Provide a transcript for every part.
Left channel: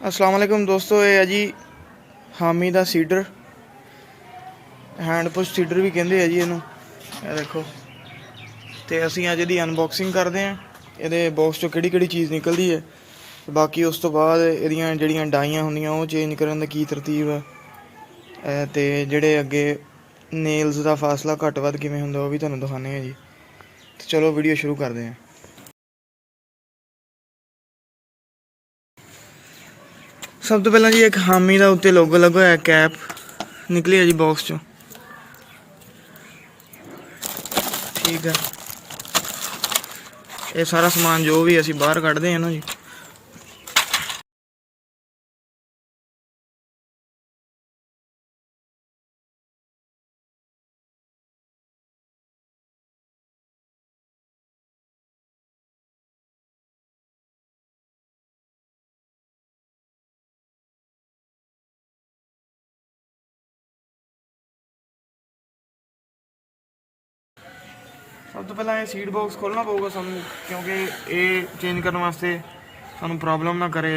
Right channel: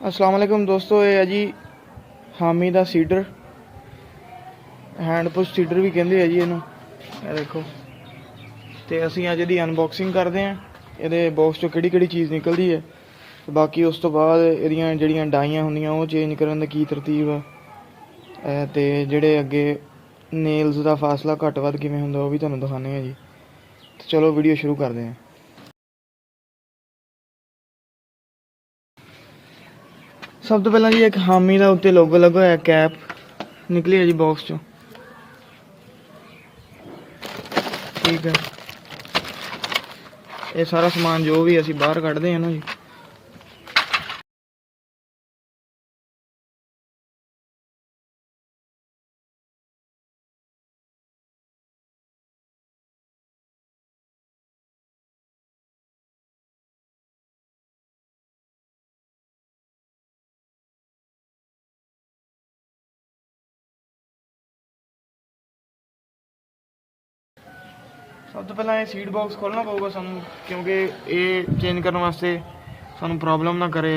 अस्सलाम वालेकुम दोस्तों, ये है जी हामी ਦਾ ਸੀਡਰ, हैंड पुश सीडर भी ਕਹਿੰਦੇ ਆ ਜੀ ਇਹਨੂੰ। ਇਹ ਦੇਖੋ, ਤੇ ਅਸੀਂ ਅੱਜ ਇਹਦੀ ਅਨਬਾਕਸਿੰਗ ਕਰਦੇ ਹਾਂ। ਇਹਦੇ ਬਾਕਸ ਚੋਂ ਕਿਹੜੀ ਕਿਹੜੀ ਚੀਜ਼ ਨਿਕਲਦੀ ਹੈ, ਬਾਕੀ ਉਸ ਤੋਂ ਬਾਅਦ ਇਹਦੀਆਂ ਜਿਹੜੀਆਂ ਡਾਈਆਂ ਹੁੰਦੀਆਂ ਉਹ ਚੇਂਜ ਕਰਨ ਦਾ ਕੀ ਤਰਤੀਬ ਆ, ਤੇ ਜਿਹੜੇ ਅੱਗੇ ਨੇਲਸ ਦਾ ਫਾਸਲਾ ਘੱਟ ਵੱਧ ਕਿਵੇਂ ਹੁੰਦਾ ਉਹ ਵੀ ਤੁਹਾਨੂੰ ਦਿਖਾਉਂਦੇ ਹਾਂ ਜੀ। ਤੇ ਚਲੋ ਵੀਡੀਓ ਸ਼ੁਰੂ ਕਰਦੇ ਹਾਂ। ਸਭ ਤੋਂ ਪਹਿਲਾਂ ਜੀ ਇੱਕ ਹਾਮੀ ਦਾ ਉੱਤੇ ਲੋਗੋ ਲੱਗਾ ਹੋਇਆ ਕੈਪ ਨਿਕਲੀ ਹੈ ਜੀ ਬਾਕਸ ਚੋਂ। ਠੀਕ ਹੈ, ਇਹ ਸਾਰਾ ਸਮਾਨ ਜੋ ਵੀ ਅਸੀਂ ਬਾਹਰ ਕੱਢਦੇ ਹਾਂ ਨਾ ਜੀ। ਸਭ ਤੋਂ ਪਹਿਲਾਂ ਇਹ ਸੀਡ ਬਾਕਸ ਖੋਲ੍ਹਣਾ ਪਊਗਾ ਸਾਨੂੰ, ਕਿਉਂਕਿ ਇਹ ਚੇਂਜ ਕਰਨ ਵਾਸਤੇ ਸਾਨੂੰ ਪ੍ਰੋਬਲਮ ਨਾ ਕਰੇ।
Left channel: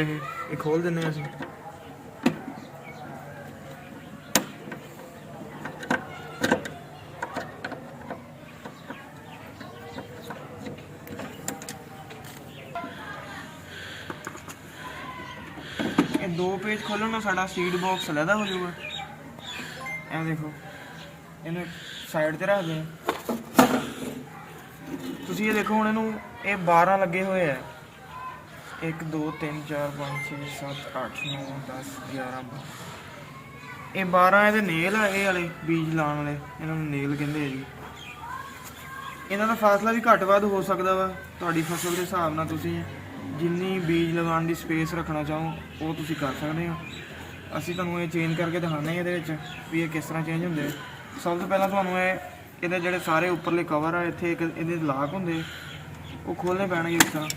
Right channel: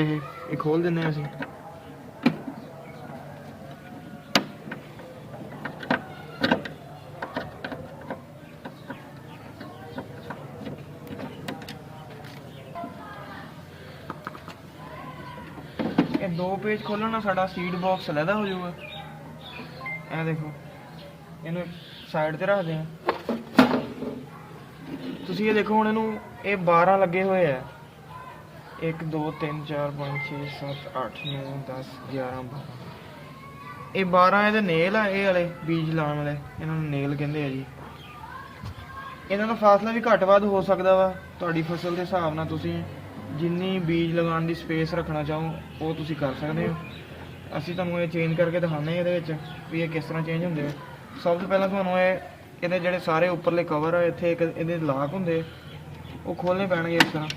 ਇਹ ਖੋਲ੍ਹ ਦਿੰਦੇ ਹਾਂ ਅਸੀਂ। ਇਹ 2 ਪੇਜ ਖੋਲ੍ਹਣ ਨਾਲ ਸਾਡਾ ਸੀਡ ਬਾਕਸ ਅਲੱਗਾ ਹੋ ਜਾਊਗਾ। ਇਹ ਦੇਖੋ, ਇਹਨੂੰ ਸਾਈਡ 'ਤੇ ਰੱਖਦੇ ਹਾਂ। ਤੁਸੀਂ ਇਹ ਦੇਖੋ ਹੁਣ ਇਹਨੂੰ, ਇਹ 12 ਲੱਗੇ ਹੋਏ ਆ। 1 2 3 4 5 6 7 8 9 10 11 ਇਹ 12 ਇਹਦੇ ਨੇਲ ਆ। ਇਹ ਵਾਲੇ ਬੀਜ ਲਾਉਣ ਵਾਲੇ, ਇਹਨਾਂ ਨੂੰ ਨੇਲ ਕਹਿੰਦੇ ਆ ਜੀ। ਇਹਨਾਂ ਦਾ ਫਾਸਲਾ ਵੀ ਘੱਟ ਵੱਧ ਹੋ ਸਕਦਾ ਵਾ ਤੁਹਾਡੀ ਫਸਲ ਦੇ ਹਿਸਾਬ ਨਾਲ। ਤੁਸੀਂ ਜਿੰਨੀ ਬੀਜ ਲਗਾਉਣ ਦੀ ਸਪੇਸ ਰੱਖਣਾ ਚਾਹੋ ਉਹ ਤੁਸੀਂ ਕਰ ਸਕਦੇ ਹੋ। ਅਸੀਂ ਤੁਹਾਨੂੰ ਇਹ ਚੇਂਜ ਕਰਕੇ ਦਿਖਾਉਂਦੇ ਹਾਂ ਇਹਦੇ ਵਿੱਚ ਵੀ ਇਹ ਕਿਸ ਤਰ੍ਹਾਂ ਚੇਂਜ ਹੁੰਦੇ ਆ। ਸਭ ਤੋਂ ਪਹਿਲਾਂ ਤੁਹਾਨੂੰ ਇਹਦੇ ਜਿਹੜੇ ਸਾਰੇ ਉੱਪਰਲੇ ਕਵਰ ਆ, ਇੱਥੇ ਇੱਕ ਇਹਦੇ ਲਾਕ ਹੁੰਦੇ, ਉਹ ਖੋਲ੍ਹਣੇ ਪੈਣਗੇ ਇਸ ਤਰ੍ਹਾਂ।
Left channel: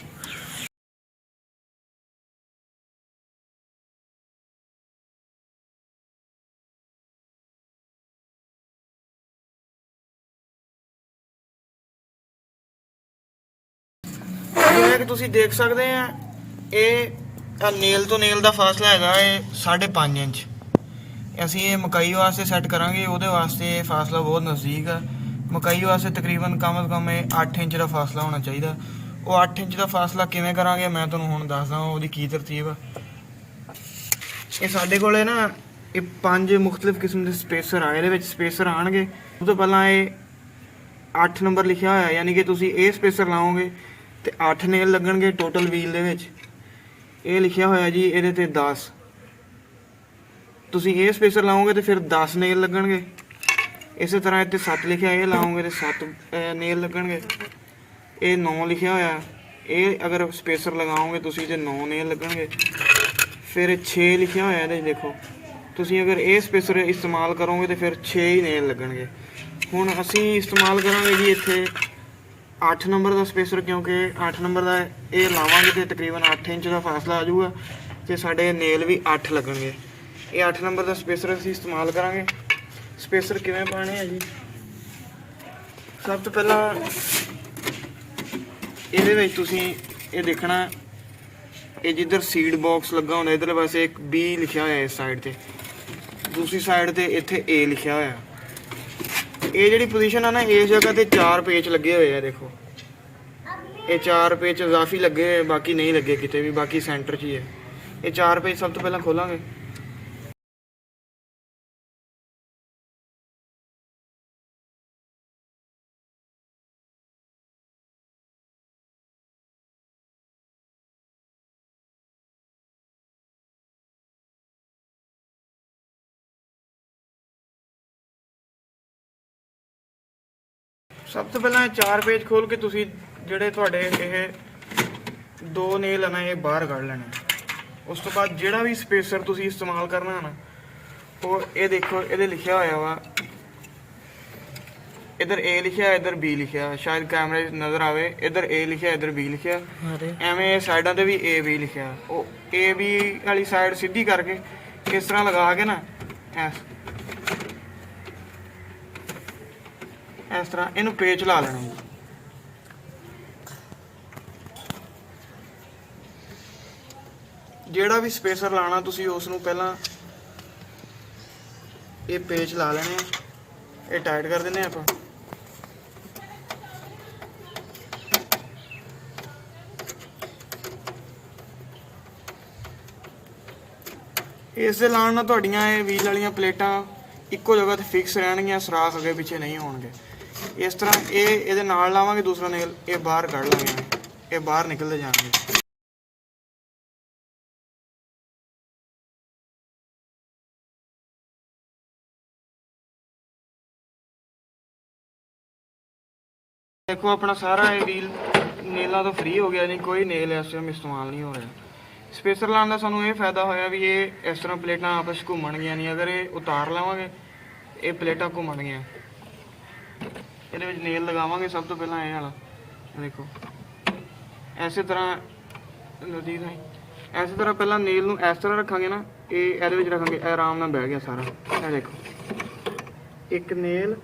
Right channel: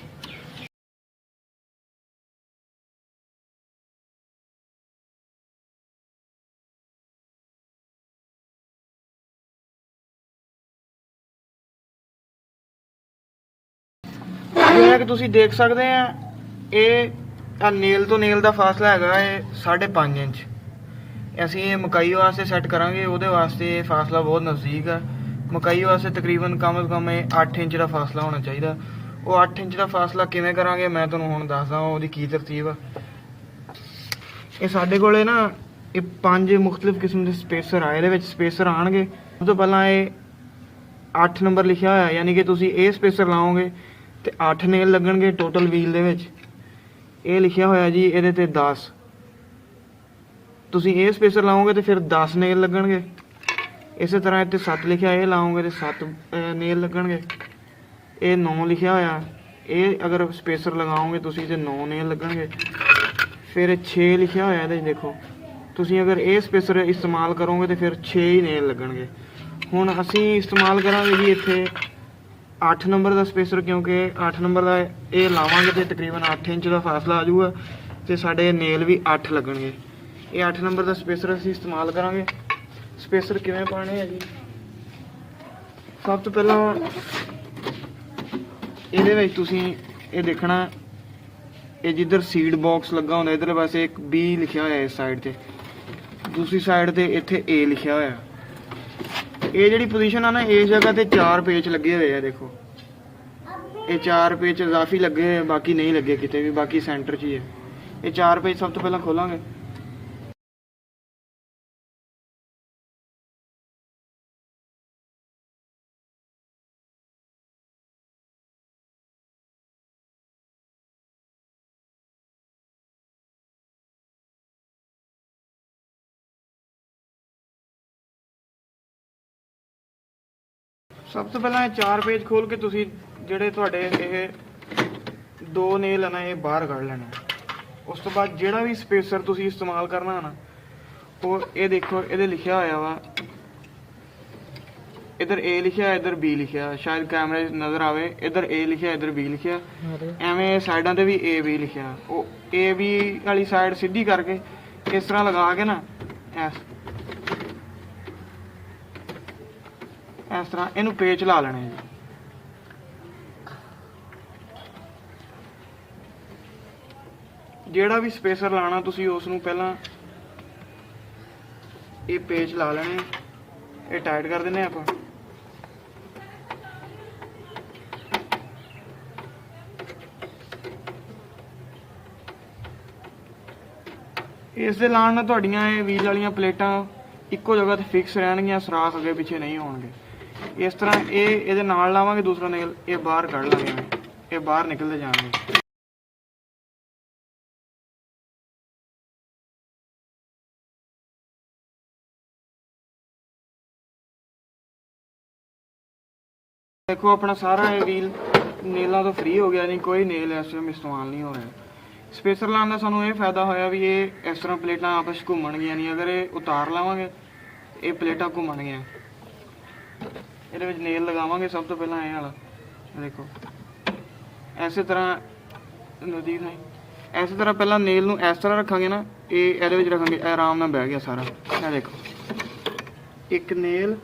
ਜਿਵੇਂ ਕਿ ਤੁਸੀਂ ਦੇਖ ਸਕਦੇ ਆ, ਇਹ ਨੇਲ ਤੋਂ ਨੇਲ ਦਾ ਫਾਸਲਾ ਹੈਗਾ ਇਹ 5.5 ਇੰਚ। ਅਸੀਂ ਇਹ ਮਕਾਈ ਵਾਸਤੇ ਸੈੱਟ ਕਰਾਂਗੇ, ਉਹਦੇ ਵਾਸਤੇ ਇਹ ਫਾਸਲਾ ਬਹੁਤ ਨਜ਼ਦੀਕ ਆ। ਮਕਾਈ ਵਾਸਤੇ ਤਕਰੀਬਨ ਕਮ ਤੋਂ ਕਮ ਇਹ 8 ਇੰਚ ਦਾ ਫਾਸਲਾ ਹੋਣਾ ਚਾਹੀਦਾ। ਉਹ 8 ਇੰਚ ਦਾ ਫਾਸਲਾ ਕਿਵੇਂ ਕਰਾਂਗੇ ਮੈਂ ਤੁਹਾਨੂੰ ਹੁਣ ਦੱਸਦਾ, ਉਹਦੀ ਕੀ ਤਰਤੀਬ ਆ। ਇਹ ਸਾਡੇ ਕੋਲੇ ਨਾ ਇਹ 5 ਮੁਖਤਲਿਫ ਕਿਸਮ ਦੇ ਸਪੇਸਰ ਆ। ਇਹਦੇ ਵਿੱਚ ਸਪੇਸਰ ਆਉਣਗੇ। ਸਭ ਤੋਂ ਪਹਿਲਾਂ ਇਹ 8 ਨੰਬਰ ਲਿਖਿਆ ਹੋਇਆ, ਯਾਨੀ ਕਿ ਤੁਸੀਂ ਇਹ ਸਪੇਸਰ ਲਾਓਗੇ ਤੇ 8 ਨੇਲ ਲੱਗਣਗੇ ਟੋਟਲ ਵੀਲ ਦੇ ਵਿੱਚ। ਇਹ ਲਿਖਿਆ ਹੋਇਆ ਜੀ ਇਹਦੇ ਤੇ 10। ਤੁਸੀਂ ਇਹ ਸਪੇਸਰ ਲਾਓਗੇ ਤੇ ਫਿਰ 10 ਨੇਲ ਲੱਗਣਗੇ। ਇਸੇ ਤਰ੍ਹਾਂ ਇੱਥੇ 7 ਲਿਖਿਆ, ਇਹ ਲਾਓਗੇ ਤੇ 7 ਨੇਲ ਲੱਗਣਗੇ। ਇਹ 9 ਲਿਖਿਆ ਹੋਇਆ, ਇਹ ਅਗਰ ਸਪੇਸਰ ਲਗਾਓਗੇ ਤੁਸੀਂ ਤੇ 9 ਨੇਲ ਲੱਗਣਗੇ। ਫਿਰ 6 ਲਿਖਿਆ ਹੋਇਆ ਇਹਦੇ ਦੇਖੋ, ਤੁਸੀਂ ਅਗਰ ਇਹ ਸਪੇਸਰ ਇਸਤੇਮਾਲ ਕਰੋਗੇ ਤੇ ਫਿਰ 6 ਹੀ ਨੇਲ ਲੱਗਣਗੇ। ਹੁਣ ਅਸੀਂ ਇਸਤੇਮਾਲ ਕਰਾਂਗੇ ਜੀ ਇੱਥੇ 8 ਨੰਬਰ ਦਾ ਸਪੇਸਰ, ਕਿਉਂਕਿ 8 ਨੰਬਰ ਦਾ ਇਹ ਲਾਵਾਂਗੇ ਤੇ ਤਕਰੀਬਨ 8 ਇੰਚ ਦਾ ਫਾਸਲਾ ਆ ਜਾਊਗਾ ਤੇ ਸਾਡੇ ਨੇਲ ਵੀ 8 ਲੱਗਣਗੇ। ਇਹ 8 ਨੰਬਰ ਦਾ ਸਪੇਸਰ ਅਸੀਂ ਇਸਤੇਮਾਲ ਕਰਾਂਗੇ। ਸਪੇਸਰ ਕਿਵੇਂ ਪਾਣੇ ਆ ਜੀ? ਸਭ ਤੋਂ ਪਹਿਲਾਂ ਇਹਦੇ ਵਿੱਚ ਤੁਸੀਂ ਇਹ ਦੇਖਣਾ, ਇਹ ਜਿੱਧਰ ਸੀਡ ਬਾਕਸ ਲੱਗਾ ਹੁੰਦਾ ਇਧਰ ਪਾਸੇ ਇੱਕ B ਲਿਖਿਆ ਹੋਇਆ ਇਸ ਸਾਈਡ ਤੇ, ਦੂਸਰੀ ਸਾਈਡ ਤੇ ਇੱਥੇ A ਲਿਖਿਆ ਹੋਇਆ। ਇਹ ਜਿਹੜੀ ਪੋਜੀਸ਼ਨ ਆ ਨਾ, ਇਸ ਜਗ੍ਹਾ ਤੇ 4 ਪੇਚ ਲੱਗੇ ਹੋਏ ਆ। ਦੇਖੋ ਇਹ 4 ਪੇਚ ਇਜ਼ਾਫੀ ਲੱਗੇ ਹੋਏ, ਬਾਕੀ ਨਹੀਂ ਲੱਗੇ ਕਿਤੇ ਵੀ, ਬਾਕੀ ਸੈਂਟਰ 'ਚ ਹੀ ਹੈ। ਇਹ 4 ਪੇਚ ਸਭ ਤੋਂ ਪਹਿਲਾਂ ਖੋਲਾਂਗੇ। ਸਭ ਤੋਂ ਪਹਿਲਾਂ 4 ਪੇਜ ਖੋਲ ਕੇ ਤੁਸੀਂ ਜਿਹੜੇ ਤੁਹਾਡੇ ਇਹ 2 ਨੇਲ ਨਾ ਇਹ ਬਾਹਰ ਕੱਢ ਲੈਣੇ। ਉਸ ਤੋਂ ਬਾਅਦ ਜਿਹੜਾ ਵੀ ਸਪੇਸਰ ਤੁਸੀਂ ਇਸਤੇਮਾਲ ਕਰਨਾ ਨਾ, ਉਹ ਇਹ ਦੇਖੋ ਇਹਦੇ ਲਿਖਿਆ ਹੋਇਆ ਵਾ, ਇੱਧਰ A ਲਿਖਿਆ, ਇੱਧਰ B ਲਿਖਿਆ, ਸ਼ਾਇਦ ਕੈਮਰੇ ਨਜ਼ਰ ਆਵੇ। ਇੱਧਰ A ਲਿਖਿਆ, ਇੱਧਰ B ਲਿਖਿਆ, ਐਵੇਂ ਸਾਈਡਾਂ ਤੇ ਵੀ A B ਲਿਖਿਆ। ਉਹ A B ਵਾਲੀ ਸਾਈਡ ਸਿੱਧੀ ਕਰਕੇ ਇਸ ਤਰ੍ਹਾਂ ਲਗਾ ਕੇ ਨਾ ਇਸ ਤਰ੍ਹਾਂ ਇਹਨੂੰ ਪੇਚ ਲਾ ਲੈਣਾ ਜੀ। ਜਿਹੜਾ ਵੀ ਸਪੇਸਰ ਲਾਣਾ ਤੁਸੀਂ ਉਸ ਨੂੰ ਪਹਿਲਾਂ ਇਹ ਪੇਚ ਲਾ ਲੈਣੇ, ਇਹ ਟਾਈਟ ਕਰ ਦਿੰਦੇ ਆਪਾਂ। ਇਸ ਦੇ ਲਾਉਣ ਨਾਲ ਤੁਹਾਡੀਆਂ ਇਹ ਵੀਲ ਵਾਲੀਆਂ ਪਲੇਟਾਂ ਇੱਕੋ ਜਗ੍ਹਾ ਤੇ ਫਿਕਸ ਰਹਿਣਗੀਆਂ, ਸੁਰਾਖ ਅੱਗੇ ਪਿੱਛੇ ਨਹੀਂ ਹੋਣਗੇ। ਇਸ ਤਰ੍ਹਾਂ ਇਹਦੇ ਨਾਲ ਲਾਵਾਂਗੇ ਦੂਸਰਾ ਨੇਲ, ਇਹ ਬਾਹਰ ਕੱਢ ਲਾਂਗੇ, ਇਹ ਬਾਹਰ ਨਿਕਲਦੇ ਜਾਣਗੇ। ਦੇਖੋ ਆਪਣਾ ਸਾਰਾ ਇਹ ਵੀਲ ਨੇਲਾਂ ਤੋਂ ਫ੍ਰੀ ਹੋ ਗਿਆ, ਨਹੀਂ ਕੋਈ ਨੇਲ ਇਸ ਟਾਈਮ ਇਸਤੇਮਾਲ ਨਹੀਂ ਹੋ ਰਿਹਾ। ਸਪੇਸਰ ਲਾਉਣ ਦਾ ਸਾਨੂੰ ਇਹ ਫਾਇਦਾ ਹੋਇਆ ਵੀ ਇਹ ਇਸ ਤਰ੍ਹਾਂ ਪਲੇਟਾਂ ਆਪਸ ਵਿੱਚ ਘੁੰਮਣਗੀਆਂ ਨਹੀਂ। ਅਗਰ ਇਹ ਉਤਾਰ ਲਾਵਾਂਗੇ ਇਹ ਪਲੇਟਾਂ ਘੁੰਮਣਗੀਆਂ। ਇਹਦੇ ਵਿੱਚ ਨੇਲ ਲਗਾਵਾਂਗੇ ਸਭ ਤੋਂ ਪਹਿਲਾਂ ਇਹ ਵਾਲਾ, ਦੇਖੋ ਐਸੇ ਤਰ੍ਹਾਂ ਨਜ਼ਦੀਕ ਨਹੀਂ, ਐਸੇ ਤਰ੍ਹਾਂ ਪਹਿਲਾਂ ਨੇਲ ਨੂੰ ਇਸ ਤਰ੍ਹਾਂ ਰੱਖਾਂਗੇ ਨਾ, ਇਹ ਇਹਦੇ ਵਿੱਚ ਰੱਖਾਂਗੇ, ਇਹ ਆਰਾਮ ਨਾਲ ਬਹਿ ਗਿਆ ਸਾਰਾ। ਇਹ ਦੇਖੋ ਇੱਕ ਨੇਲ,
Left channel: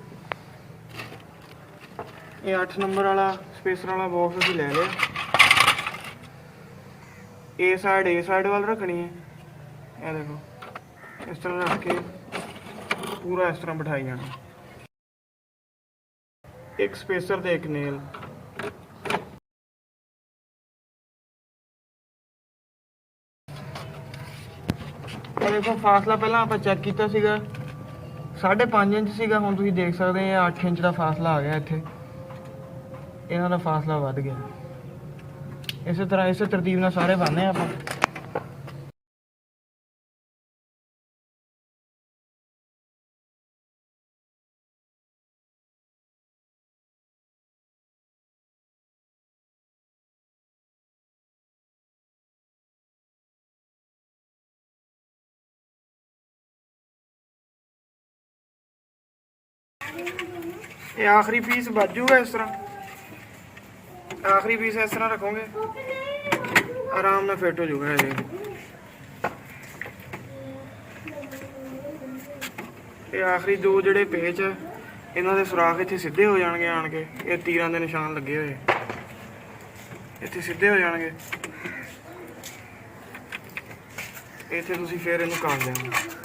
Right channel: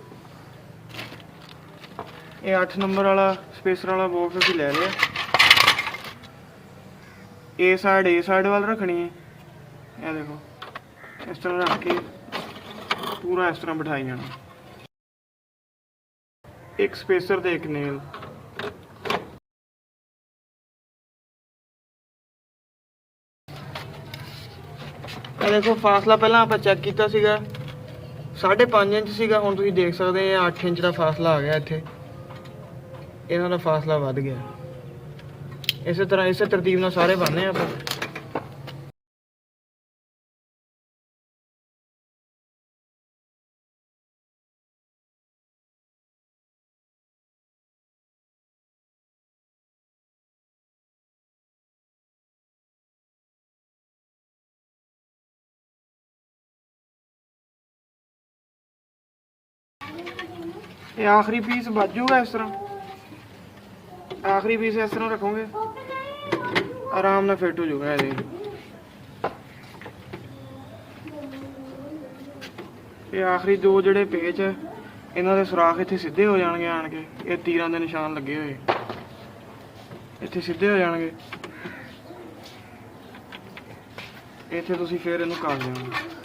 ਇਹ 8 ਨੰਬਰ ਵਾਲਾ ਸਪੇਸਰ ਵਾਲਾ ਬਾਕਸ ਅਸੀਂ ਲੈ ਲਿਆ। ਇਹ ਸਾਈਡ ਵੱਲ ਰੱਖਣੀ ਹੈ, ਇਹ ਦੇਖੋ ਇਸ ਤਰ੍ਹਾਂ ਰੱਖ ਕੇ ਪੂਰਾ ਇਸ ਤਰ੍ਹਾਂ ਬਿਠਾਈ ਜਾਣਾ। ਇੱਕ ਸਪੇਸਰ ਤੇ ਇੱਕ ਨੇਲ। ਇਹ ਦੇਖੋ ਫਾਸਲਾ ਪਹਿਲਾਂ ਆਪਾਂ ਚੈੱਕ ਕੀਤਾ ਸੀਗਾ 5.5 ਇੰਚ ਸੀਗਾ, ਹੁਣ ਤੁਸੀਂ ਦੇਖ ਸਕਦੇ ਆ 8 ਇੰਚ ਦਾ ਫਾਸਲਾ ਆ ਗਿਆ। ਇੱਥੇ ਇਹਨਾਂ ਦਾ ਫਾਸਲਾ ਵੱਧ ਗਿਆ। ਇਸੇ ਤਰ੍ਹਾਂ ਇਸੇ ਤਰਤੀਬ ਨਾਲ ਸਾਰੇ ਬਣਨੇ ਆਪਾਂ। ਇਹ ਆਖਰੀ ਪੀਸ ਬਚ ਜਾਊਗਾ ਇਸ ਤਰ੍ਹਾਂ, ਆਖਰੀ ਪੀਸ ਇਸ ਤਰ੍ਹਾਂ ਰੱਖੋਗੇ ਆਰਾਮ ਨਾਲ ਫਿੱਟ ਹੋ ਜਾਊਗਾ। ਇਹ ਆਖਰੀ ਦੋ ਜਿਹੜੇ ਪੇਚ ਹੈ ਇਹਨਾਂ ਦੇ ਸੁਰਾਖ ਇੱਥੇ ਸਿੱਧੇ ਹੋ ਜਾਣਗੇ ਆਣ ਕੇ, ਇਹ ਤੀਰਾਂ ਦੇ ਨਿਸ਼ਾਨ ਲੱਗੇ ਹੋਏ ਇੱਥੇ ਸਿੱਧੇ ਹੋ ਜਾਣਗੇ। ਇੱਥੇ ਤੁਸੀਂ ਫਿਰ ਇਹਨੂੰ ਕੱਟ ਦੇਣਾ।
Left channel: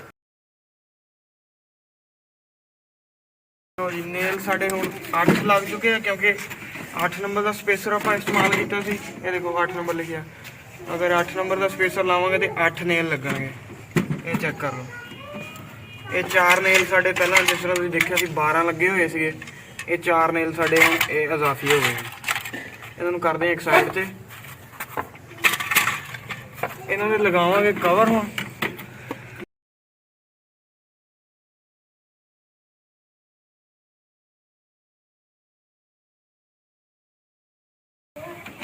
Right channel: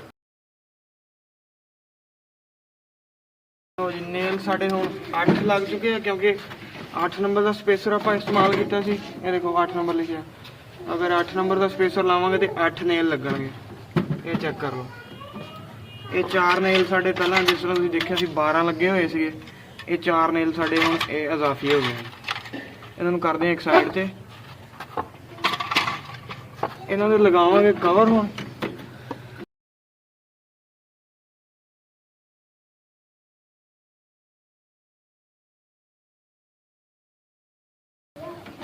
ਨੇਲ ਸਾਡੇ ਹੁਣ 8 ਲੱਗ ਚੁੱਕੇ ਆ, ਕਿਉਂਕਿ 8 ਨੰਬਰ ਦਾ ਸਪੇਸਰ ਆਪਾਂ ਇਸਤੇਮਾਲ ਕੀਤਾ ਸੀ। ਇਹ ਦੇਖੋ 8 ਨੰਬਰ ਲਿਖਿਆ, ਅਗਰ 8 ਨੰਬਰ ਦਾ ਸਪੇਸਰ ਲਾਵਾਂਗੇ ਤੇ 8 ਨੇਲ ਲੱਗਣਗੇ। ਇਹ ਚੈੱਕ ਕਰ ਲਓ, ਇਹ 4 ਨੇਲ ਸਾਡੇ ਪਹਿਲਾਂ ਜਿਸ ਤਰ੍ਹਾਂ ਤੁਸੀਂ ਦੇਖਿਆ ਸੀ 12 ਲੱਗੇ ਹੋਏ ਸੀਗੇ, ਇਹ 4 ਨੇਲ ਸਾਡੇ ਹੁਣ ਇਹ ਇਜ਼ਾਫੀ ਹੋ ਗਏ। ਇਹਨਾਂ ਨੂੰ ਕਰਦੇ ਹਾਂ ਇੱਕ ਸਾਈਡ ਤੇ, ਇਹਨਾਂ ਦੇ ਲਗਾਵਾਂਗੇ ਕਵਰ। ਹੁਣ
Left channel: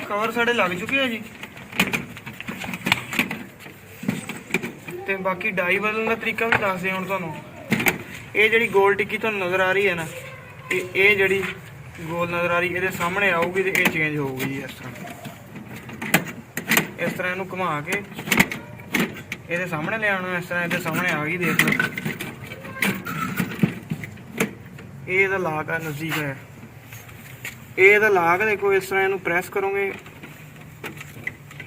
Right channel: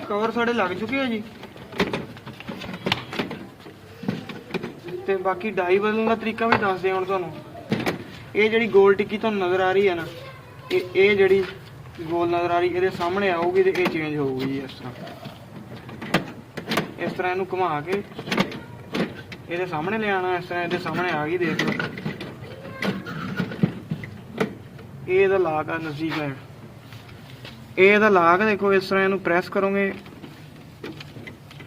ਕਵਰ ਸਾਡੇ ਲੱਗ ਚੁੱਕੇ ਆ ਜੀ, ਤੇ ਬਾਕੀ ਡਾਈ ਬਦਲਣ ਦਾ ਤਰੀਕਾ ਵੀ ਦੱਸਦੇ ਹੁਣ ਤੁਹਾਨੂੰ। ਇਹ ਜਿਹੜੀ ਗੋਲ ਟਿੱਕੀ ਤੁਹਾਨੂੰ ਨਜ਼ਰ ਆ ਰਹੀ ਹੈ ਨਾ, ਇਹ ਜਿਹੜੀ ਗੋਲ ਨਜ਼ਰ ਆ ਰਹੀ ਇਹਦੇ ਸਾਹਮਣੇ ਆਊਗੀ ਤੇ ਇਹ ਚੇਂਜ ਹੋਊਗੀ ਜੀ। ਇਸ ਤਰ੍ਹਾਂ ਇਹਨੂੰ ਘੁਮਾ ਕੇ ਇਹਦੇ ਸਾਹਮਣੇ ਲਿਆਉਣਾ, ਇਸ ਤਰ੍ਹਾਂ ਇਹਦੇ ਸਾਹਮਣੇ ਆ ਗਈ। ਦੇਖ ਲਓ ਇਹ ਇਹਦਾ ਲਾਕ ਆ, ਨਜ਼ਦੀਕ ਹੈ ਇਹ ਇਹਦਾ ਲਾਕ। ਦੇਖੋ ਇਸ ਤਰ੍ਹਾਂ ਇਹਨੂੰ ਪ੍ਰੈਸ ਕਰੋਗੇ,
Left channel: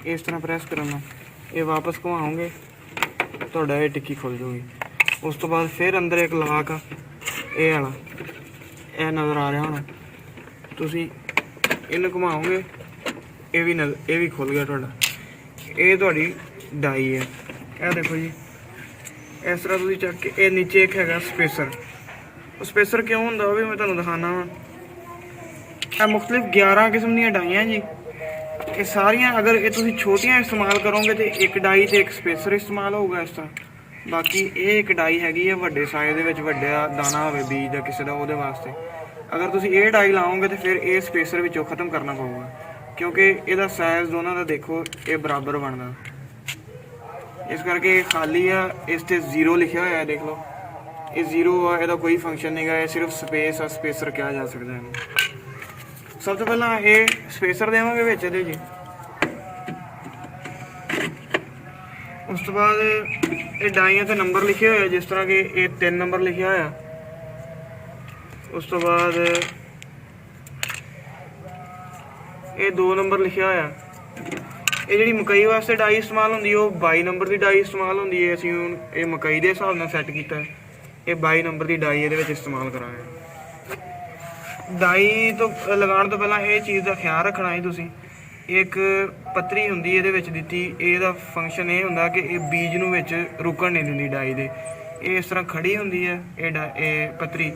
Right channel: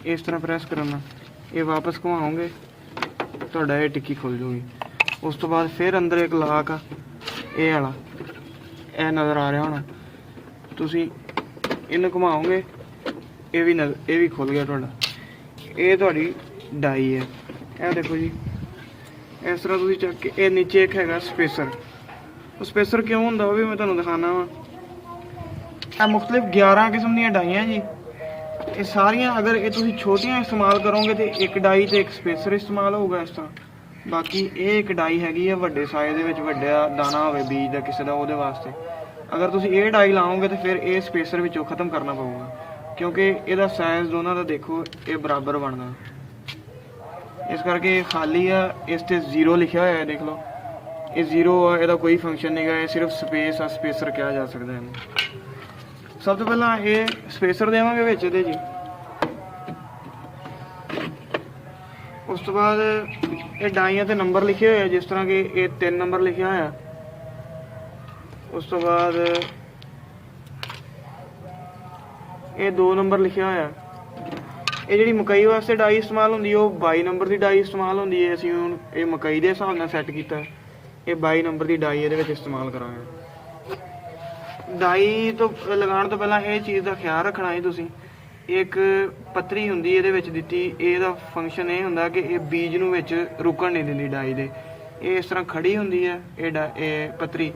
ਇਸ ਤਰ੍ਹਾਂ ਪ੍ਰੈਸ ਕਰਨਾ, ਇਹ ਵਾਪਸ ਘੁਮਾਓਗੇ ਤੁਹਾਡਾ ਇਹ ਟਿੱਕੀ ਖੁੱਲ ਜੂਗੀ। ਉਸ ਤੋਂ ਬਾਅਦ ਫਿਰ ਅੰਦਰ ਇੱਕ ਲਾਕ ਆ, ਇਹ ਵਾਲਾ, ਇਹ ਨਜ਼ਰ ਆ ਰਿਹਾ ਹੋਣਾ, ਤੁਸੀਂ ਇਹਨੂੰ ਘੁਮਾਓਗੇ ਇਹ ਵੀ ਖੁੱਲ ਗਿਆ ਤੁਹਾਡਾ। ਇਹ ਤੁਹਾਡੀ ਡਾਈ ਹੈ। ਇਹ ਦੇਖੋ ਜੀ ਇਸ ਤਰ੍ਹਾਂ ਤੁਸੀਂ ਚੱਕ ਕੇ, ਇਹ ਨੀਚੇ ਇੱਕ ਹੈਗਾ ਸਪੇਸਰ। ਉਹ ਸਪੇਸਰ ਕਿਉਂ ਹੁੰਦਾ ਉਹ ਵੀ ਮੈਂ ਤੁਹਾਨੂੰ ਦਿਖਾਉਣਾ ਵਾ। ਇਹ ਮੁਖਤਲਿਫ 11 ਕਿਸਮ ਦੀਆਂ ਡਾਈਆਂ ਜੀ। ਇਹ ਸਾਰੀਆਂ ਅਗਰ ਇਹ ਤੁਸੀਂ ਛੋਟੀਆਂ ਇਸਤੇਮਾਲ ਕਰੋਗੇ ਤੇ ਇੱਕ ਡਾਈ ਤੇ ਇੱਕ ਸਪੇਸਰ ਇਸਤੇਮਾਲ ਹੋਊਗਾ ਇਸ ਤਰ੍ਹਾਂ। ਬਾਕੀ ਇਹ ਇੱਕ ਡਾਈ ਹੈਗੀ ਹੈ ਵੱਡੇ ਸਾਈਜ਼ ਦੇ ਵਿੱਚ, ਵੱਡਾ ਦਾਣਾ ਹੋਵੇ ਬੀਜ ਦਾ ਕਿਸੇ ਦਾ, ਉਹਦੇ ਵਾਸਤੇ। ਅਗਰ ਤੁਸੀਂ ਇਹ ਡਾਈ ਲਾਓਗੇ ਤੇ ਫਿਰ ਇਹ ਸਪੇਸਰ ਵਿੱਚੋਂ ਖ਼ਤਮ ਕਰਨਾ ਪਊਗਾ, ਕਿਉਂਕਿ ਇਹਦਾ ਸਾਈਜ਼ ਦੋਨਾਂ ਦਾ ਦੇਖੋ ਇਹ ਬਰਾਬਰ ਬਣਦਾ। ਇਸ ਕਰਕੇ ਇਹ ਖਾਲੀ ਆ, ਇਸ ਤੇ 0 ਲਿਖਿਆ ਹੋਇਆ ਦੇਖ ਲਓ, ਇਹ 0 ਆ, ਇਹਦਾ ਕੋਈ ਫੰਕਸ਼ਨ ਨਹੀਂਗਾ, ਇਹ ਸਿਰਫ ਸਪੇਸ ਆ, ਸਪੇਸਰ ਕਿਹਾ ਜਾ ਸਕਦਾ ਇਹਨੂੰ। ਸਭ ਤੋਂ ਪਹਿਲਾਂ ਇਹ ਸਪੇਸਰ ਦੇਵਾਂਗੇ ਵਿੱਚ ਇਹਦੇ ਜੀ। ਉਸ ਤੋਂ ਬਾਅਦ ਇਹ ਡਾਈਆਂ ਤੇ ਨੰਬਰ ਲਿਖੇ ਹੋਏ ਆ, ਜਿਸ ਤਰ੍ਹਾਂ ਕਿ ਇਹ 3 ਨੰਬਰ ਲਿਖਿਆ ਹੋਇਆ। ਉਸ ਤੋਂ ਬਾਅਦ ਇਹ 2 ਨੰਬਰ ਲਿਖਿਆ ਹੋਇਆ, ਇਹ ਜਿਹੜੀ ਮਕਈ ਵਾਸਤੇ ਡਾਈ ਇਸਤੇਮਾਲ ਹੁੰਦੀ ਉਹ 22 ਨੰਬਰ ਦੀ ਡਾਈ ਇਸਤੇਮਾਲ ਹੁੰਦੀ ਹੈ। ਅਸੀਂ ਹੁਣ ਇਹ ਮਕਈ ਦੇ ਹਿਸਾਬ ਨਾਲ ਸੈੱਟ ਕੀਤਾ, ਇਹ 22 ਨੰਬਰ ਦੀ ਡਾਈ ਇਹਦੇ ਵਿੱਚ ਇਸਤੇਮਾਲ ਕਰਾਂਗੇ। ਡਾਈ ਤੋਂ ਲਗਾਉਣ ਤੋਂ ਪਹਿਲਾਂ ਇਹ ਚੀਜ਼ ਦਾ ਖਿਆਲ ਰੱਖਣਾ ਹੈ ਤੁਸੀਂ, ਇੱਕ ਪੱਤਰੀ ਹੁੰਦੀ ਇਹਦੇ ਵਿੱਚ ਦਿੱਤੀ, ਇਹਦਾ ਫੰਕਸ਼ਨ ਇਹ ਹੁੰਦਾ ਕਿ ਇਹ ਬੀਜ ਨੂੰ ਵਿੱਚ ਰੁਕਣ ਨਹੀਂ ਦਿੰਦੀ ਡਾਈ ਦੇ। ਇਹ ਇਸ ਤਰ੍ਹਾਂ ਖੜੀ ਹੁੰਦੀ ਹੈ ਇਹ ਪੱਤਰੀ,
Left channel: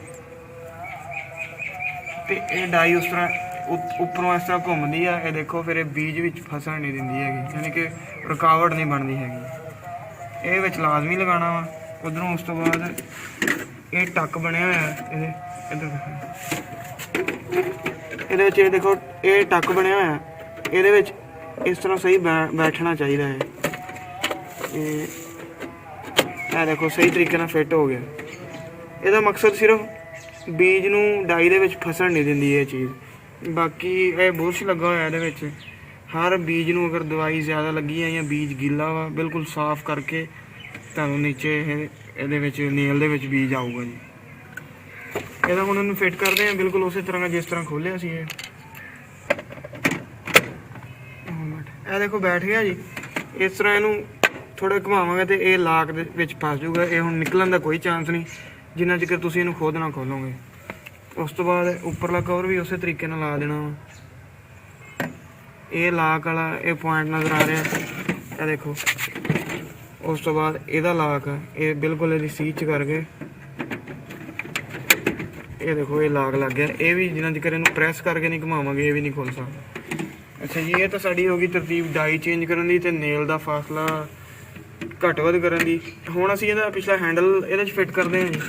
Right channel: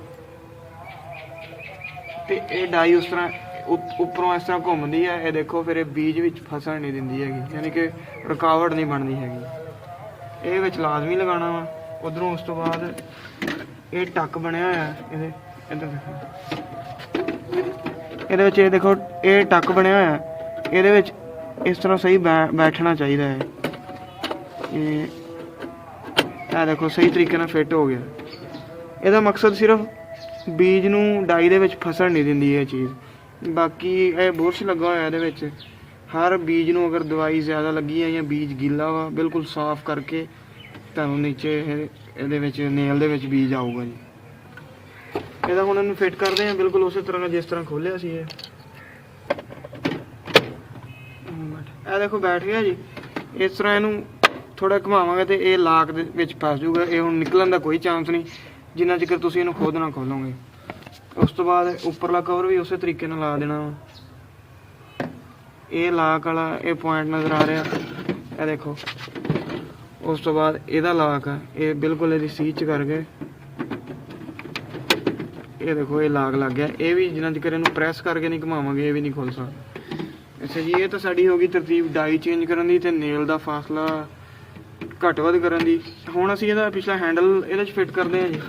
ਤੇ ਇਹ ਡਾਈ ਉਸ ਤਰ੍ਹਾਂ ਉੱਪਰੋਂ ਇਸ ਤਰ੍ਹਾਂ ਘੁੰਮਦੀ ਆ, ਇਹ ਦੇਖੋ। ਫਿਰ ਇਹ ਬੀਜ ਵਿੱਚ ਫਸਣ ਨਹੀਂ ਦਿੰਦੀ ਹੈਗੀ, ਯਾਨੀ ਕਿ ਰੁਕਾਵਟ ਨਹੀਂ ਬਣਦੀ ਹੈਗੀ। ਇਹ ਵਿੱਚ ਲਾਜ਼ਮੀ ਲਗਾਉਣਾ ਵਾ। ਉਧਰੋਂ ਉਸ ਤੋਂ ਬਾਅਦ ਇਹ ਟੱਕ ਬਣਿਆ ਹੋਇਆ ਇਹਦੇ, ਇਹਦੇ ਵਿੱਚ ਇਹ ਦੇਖੋ, ਇਹ ਟੱਕ ਬਣਿਆ ਹੋਇਆ, ਇਹਦੇ ਵਿੱਚ ਇਸ ਤਰ੍ਹਾਂ ਸਹੀ ਬੈਠਣਾ ਚਾਹੀਦਾ ਹੈ। ਇਹ ਦੇਖੋ ਸਹੀ ਤਰੀਕੇ ਨਾਲ ਫਿੱਟ ਹੋ ਗਿਆ। ਇਹਦਾ ਮਕਸਦ ਸਿਰਫ ਬੀਜ ਨੂੰ ਡਾਈ ਦੇ ਵਿੱਚ ਫਸਣ ਨਹੀਂ ਦਿੰਦੀ ਇਹ ਚੀਜ਼। ਬਾਕੀ ਇਹ ਬੁਰਸ਼ ਲੱਗਾ ਹੋਇਆ ਇਹਦੇ ਵਿੱਚ, ਹਰ ਬੀਜ ਨੂੰ ਅਗਰ ਦਵਾਈ ਜ਼ਿਆਦਾ ਲੱਗੀ ਹੈ ਜਾਂ ਬੀਜ ਗਿੱਲਾ ਵਾ, ਬਿਲਕੁਲ ਸਾਫ਼ ਕਰਕੇ ਤੁਹਾਨੂੰ ਨੀਚੇ ਇਹਦੇ ਵਿੱਚ ਨੇਲ ਦੇ ਵਿੱਚ ਬੀਜ ਆਊਗਾ ਜੀ। ਇਹਦਾ ਹੁਣ ਉਹਨੂੰ ਫਿੱਟ ਕਰਦੇ ਹਾਂ ਬਿਲਕੁਲ ਉਸੇ ਤਰ੍ਹਾਂ ਜਿਸ ਤਰ੍ਹਾਂ ਖੋਲ੍ਹਿਆ ਸੀ। ਇਹ ਦੇਖੋ ਬੈਠ ਗਿਆ ਜੀ। ਇਸ ਤਰ੍ਹਾਂ ਇਹਨੂੰ ਥੋੜਾ ਘੁਮਾਵਾਂਗੇ ਤੇ ਇਹ ਲਾਕ ਦੇ ਵਿੱਚ ਫਸ ਜਾਊਗਾ। ਇਹ ਹੁਣ ਨਿਕਲਣ ਦਾ ਕੋਈ ਚਾਂਸ ਨਹੀਂ ਜਿੰਨਾ ਚਿਰ ਤੁਸੀਂ ਇਹਨੂੰ ਖੁਦ ਨਾ ਖੋਲੋਗੇ। ਉਸ ਤੋਂ ਬਾਅਦ ਉੱਪਰਲਾ ਕਵਰ ਵੀ ਉਸੇ ਤਰੀਕੇ ਨਾਲ ਲਾ ਦੇਣਾ। ਇਹ ਲਾਕ ਵਾਲਾ ਇਹ ਪੁਆਇੰਟ ਨਜ਼ਰ ਆ ਰਿਹਾ, ਇਹ ਦੇਖੋ। ਉਸ ਤੋਂ ਬਾਅਦ ਇਹਦਾ ਲਾਕ ਇਹ ਬਿਲਕੁਲ ਇਹਦੀ ਸੀਚ ਕਰਕੇ, ਇਹ ਦੇਖੋ ਇਹ ਲਾਕ ਲੱਗ ਗਿਆ। ਇਹ ਵੀ ਜਿੰਨਾ ਚਿਰ ਇਹਨੂੰ ਪ੍ਰੈਸ ਕਰਕੇ ਨਹੀਂ ਘੁਮਾਵਾਂਗੇ ਇਹ ਵੀ ਨਹੀਂ ਖੁੱਲ ਸਕਦਾ। ਅੱਛਾ ਜੀ, ਇਹ ਤਾਂ ਸਾਡੀ ਹੋ ਗਈ ਤਰਤੀਬ ਡਾਈ ਚੇਂਜ ਕਰਨ ਦੀ ਤੇ ਨੇਲ ਦਾ ਫਾਸਲਾ ਘੱਟ ਵੱਧ ਕਰਨ ਦੀ। ਹੁਣ ਅਸੀਂ ਇਹਦਾ ਪਿਛਲਾ ਹੈਂਡਲ ਇਹਦੇ 'ਚ ਫਿੱਟ ਕਰਦੇ ਹਾਂ ਜੀ।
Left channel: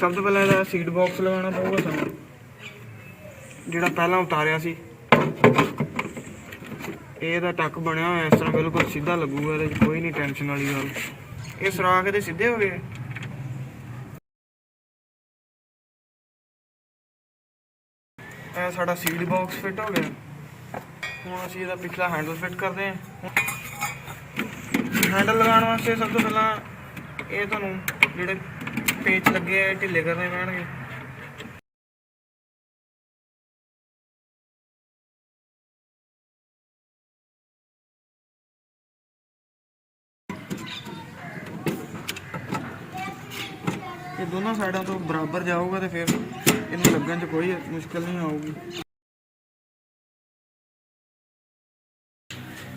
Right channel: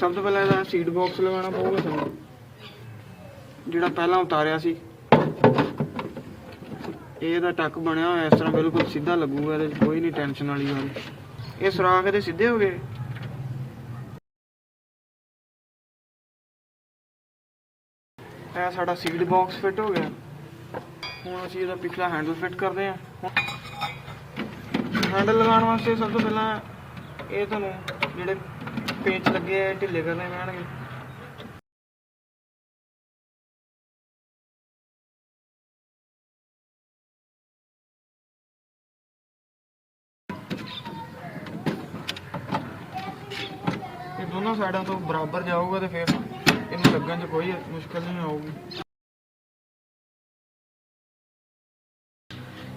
ਸਭ ਤੋਂ ਪਹਿਲਾਂ ਇਹਦਾ ਸੀਟ ਬਾਕਸ ਲਗਾਉਣਾ ਪਊਗਾ ਸਾਨੂੰ, ਜਿਹੜਾ ਪਹਿਲਾਂ ਉਤਾਰਿਆ ਸੀ। ਇਹਦਾ ਟੱਕ ਬਣਿਆ ਹੋਇਆ ਇਸ ਤਰ੍ਹਾਂ ਬਿਲਕੁਲ ਸਿੱਧਾ ਲੱਗੂਗਾ, ਇਹਦੇ 'ਚ ਕੋਈ ਨਹੀਂ ਟੈਨਸ਼ਨ ਵਾਲੀ ਗੱਲ। ਇਹ ਸੁਰਾਖ ਇਹਦੇ ਸਿੱਧੇ ਹੋ ਗਏ। ਇਹ ਸਾਡਾ ਸੀਟ ਬਾਕਸ ਫਿੱਟ ਹੋ ਗਿਆ। ਹੁਣ ਅਸੀਂ ਇਹਦਾ ਪਿਛਲਾ ਹੈਂਡਲ ਫਿੱਟ ਕਰਦੇ ਹਾਂ। ਹੈਂਡਲ ਲਗਾਉਣ ਵਾਸਤੇ ਸਭ ਤੋਂ ਪਹਿਲਾਂ ਇਹ ਤੁਹਾਨੂੰ ਜਿਹੜੇ ਪੇਚ ਲੱਗੇ ਆ ਢਿੱਲੇ ਕਰਨੇ ਪੈਣਗੇ। ਇਹ ਦੋਨੋਂ ਸਾਈਡਾਂ ਤੋਂ ਬਰਾਬਰ ਜਾਊਗਾ ਤੇ ਫਿਰ ਇਹਨੂੰ ਲੱਗਣ 'ਚ ਕੋਈ ਮੁਸ਼ਕਲ ਨਹੀਂ ਆਊਗੀ।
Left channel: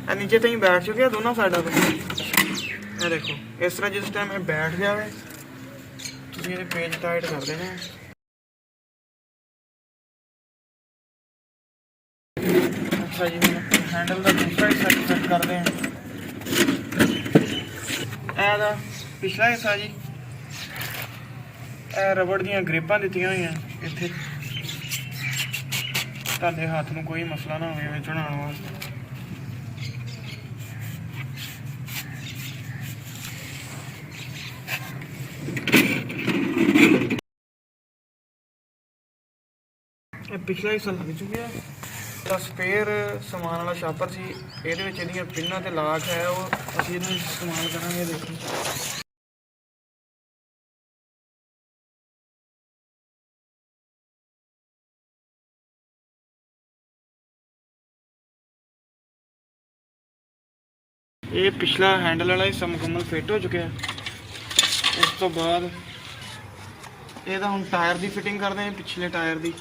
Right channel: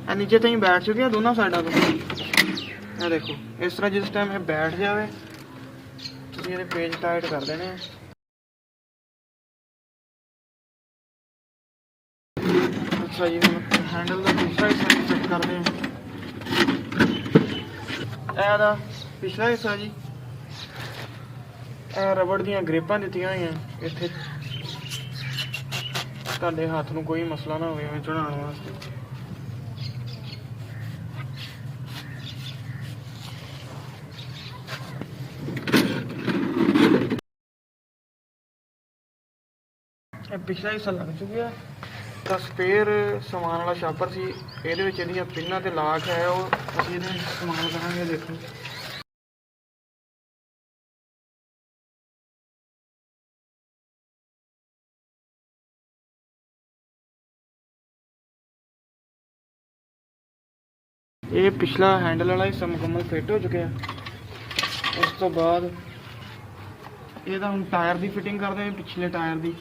ਇਹ ਨੀਚੇ ਤਾਈਂ ਬੈਠ ਚੁੱਕਿਆ ਦੋਨੋਂ ਸਾਈਡਾਂ ਤੋਂ। ਇਹ ਦੇਖੋ ਇਸ ਤਰ੍ਹਾਂ ਜਿਸ ਟਾਈਮ ਇਹ ਬੈਠ ਜਾਵੇ ਤੁਸੀਂ ਇਹਦੇ ਪੇਜ ਟਾਈਟ ਕਰ ਦੇਣੇ। ਅੱਛਾ ਜੀ, ਹੈਂਡਲ ਦਾ ਦੂਸਰਾ ਹਿੱਸਾ ਫਿੱਟ ਕਰਦੇ ਹਾਂ। ਇਹਦਾ ਪਿਛਲਾ ਹਿੱਸਾ ਜੀ, ਇਹ ਰਬੜ ਦੀਆਂ ਗ੍ਰਿਪਾਂ ਦਿੱਤੀਆਂ ਹੋਈਆਂ ਇੱਥੇ, ਤੁਹਾਡੇ ਹੱਥ ਨੂੰ ਕੋਈ ਮਸਲਾ ਨਾ ਹੋਵੇ ਐਵੇਂ ਚੜਾਉਣ ਵਾਸਤੇ। ਇਹ ਪਿਛਲਾ ਹਿੱਸਾ ਲੱਗ ਚੁੱਕਿਆ। ਤਾਂ ਸਪੇਅਰ ਸਮਾਨ ਵਾਲਾ ਸ਼ਾਪਰ ਸੀ, ਇਹਦੇ ਵਿੱਚ ਇਹਦੀਆਂ ਪਿੰਨਾਂ ਤੇ ਲਾਕ ਹੈ, ਉਹ ਅਸੀਂ ਇਹਨੂੰ ਇਸਤੇਮਾਲ ਕਰਾਂਗੇ। ਦੇਖੋ ਇਹ ਪਿਛਲਾ ਹੈਂਡਲ ਵਾਲਾ ਹਿੱਸਾ ਮੁਕੰਮਲ ਫਿੱਟ ਹੋ ਚੁੱਕਿਆ। ਉਸ ਤੋਂ ਬਾਅਦ ਇਹਦਾ ਹੁਣ ਟਾਇਰ ਦੀ ਫਿਟਿੰਗ ਕਰਦੇ ਹਾਂ, ਪਿਛਲੇ ਟਾਇਰ ਦੀ।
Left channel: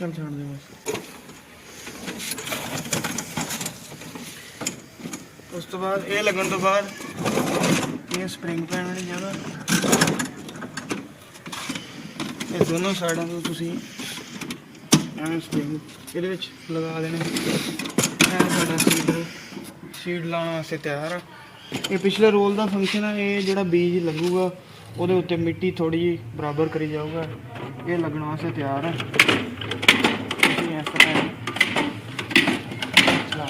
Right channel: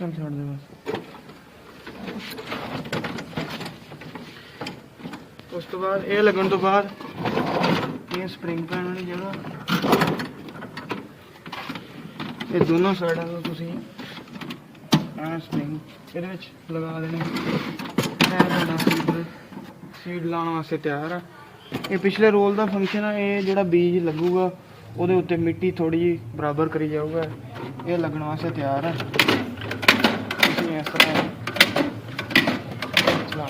ਚੱਲ ਛੱਡ ਦੇ ਬਸ। ਉਸ ਤੋਂ ਬਾਅਦ ਇਹ ਲੱਗਣ ਤੋਂ ਬਾਅਦ ਇਹ ਸਪਰਿੰਗ ਪੈਣ ਵਾਲੀ ਜਗ੍ਹਾ, ਇਹ ਦੋਨੋਂ ਸਾਈਡਾਂ ਤੋਂ ਤੁਸੀਂ ਸਪਰਿੰਗ ਇਹਦੇ ਵਿੱਚ ਲਗਾ ਦੇਣੇ। ਸੀਡ ਲਾਉਣ ਵਾਸਤੇ ਤਿਆਰ ਆ। ਇਹ ਪਿਛਲੇ ਰੋਲ ਦਾ ਫੰਕਸ਼ਨ ਆ। ਇਹ ਜਿਹੜਾ ਬੀਜ ਲੱਗੂਗਾ ਉਹਦੇ ਉੱਤੇ ਮਿੱਟੀ ਥੋੜੀ ਜਿਹੀ ਬਰਾਬਰ ਕਰੀ ਜਾਊਗਾ। ਇਹ ਲੱਗਣ ਵਾਸਤੇ ਤਿਆਰ ਹੈ। ਤੁਸੀਂ ਇਸ ਤਰ੍ਹਾਂ ਚਲਾ।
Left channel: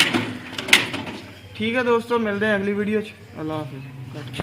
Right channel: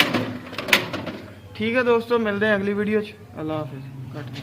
ਠੀਕ ਹੈ ਦੋਸਤੋ, ਮਿਲਦੇ ਹਾਂ ਅਗਲੀ ਵੀਡੀਓ 'ਚ। ਅੱਲਾ ਹਾਫਿਜ਼। ਕੱਟ